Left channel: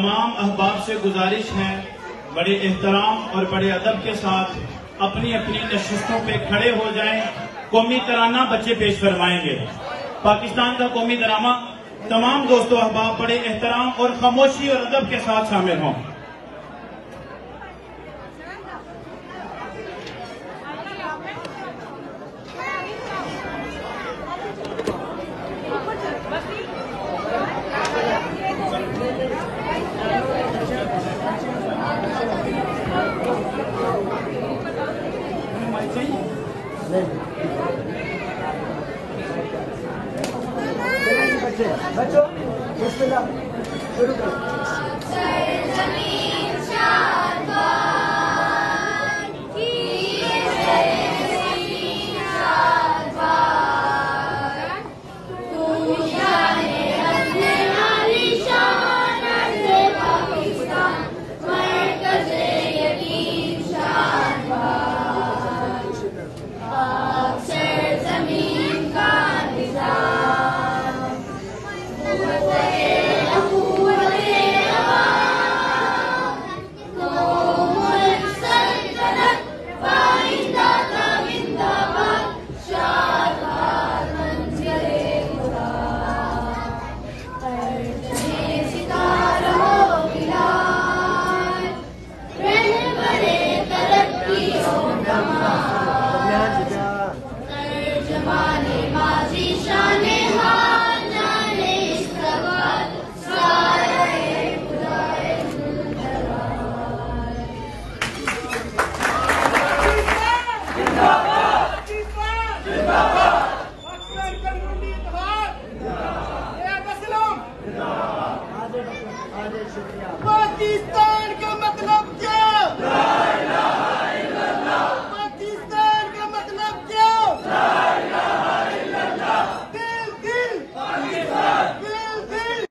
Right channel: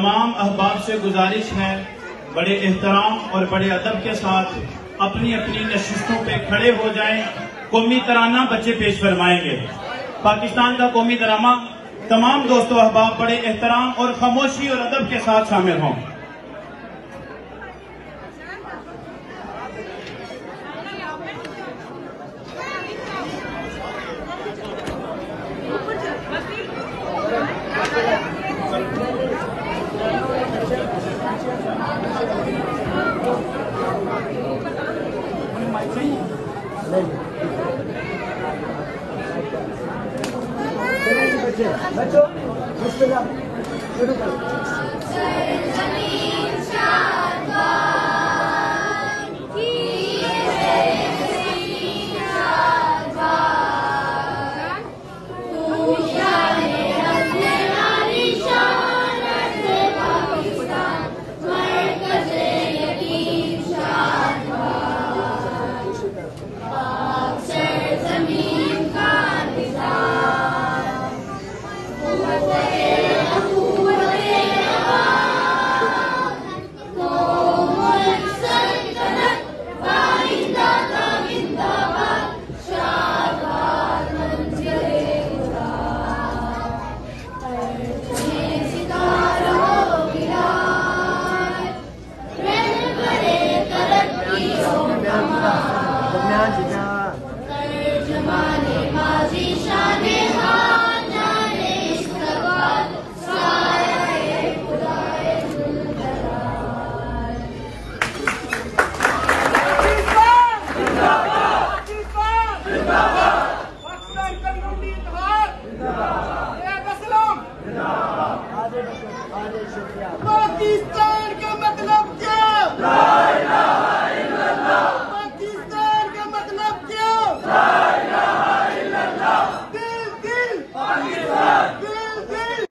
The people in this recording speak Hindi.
तमाम अहबाब से गुजारिश है बड़े एहतराम और बड़े अदब के साथ अपनी अपनी नशिस्तों पे खड़े हो जाएं। कौमी तराना बच्चे पेश फरमाएंगे। पाकिस्तान का कौमी ड्रामा तमाम दोस्तों अहबाब बड़े एहतराम और खामोशी और अदब के साथ शामिल हों। बच्चों बिस्मिल्लाह शुरू करो। पाकिस्तान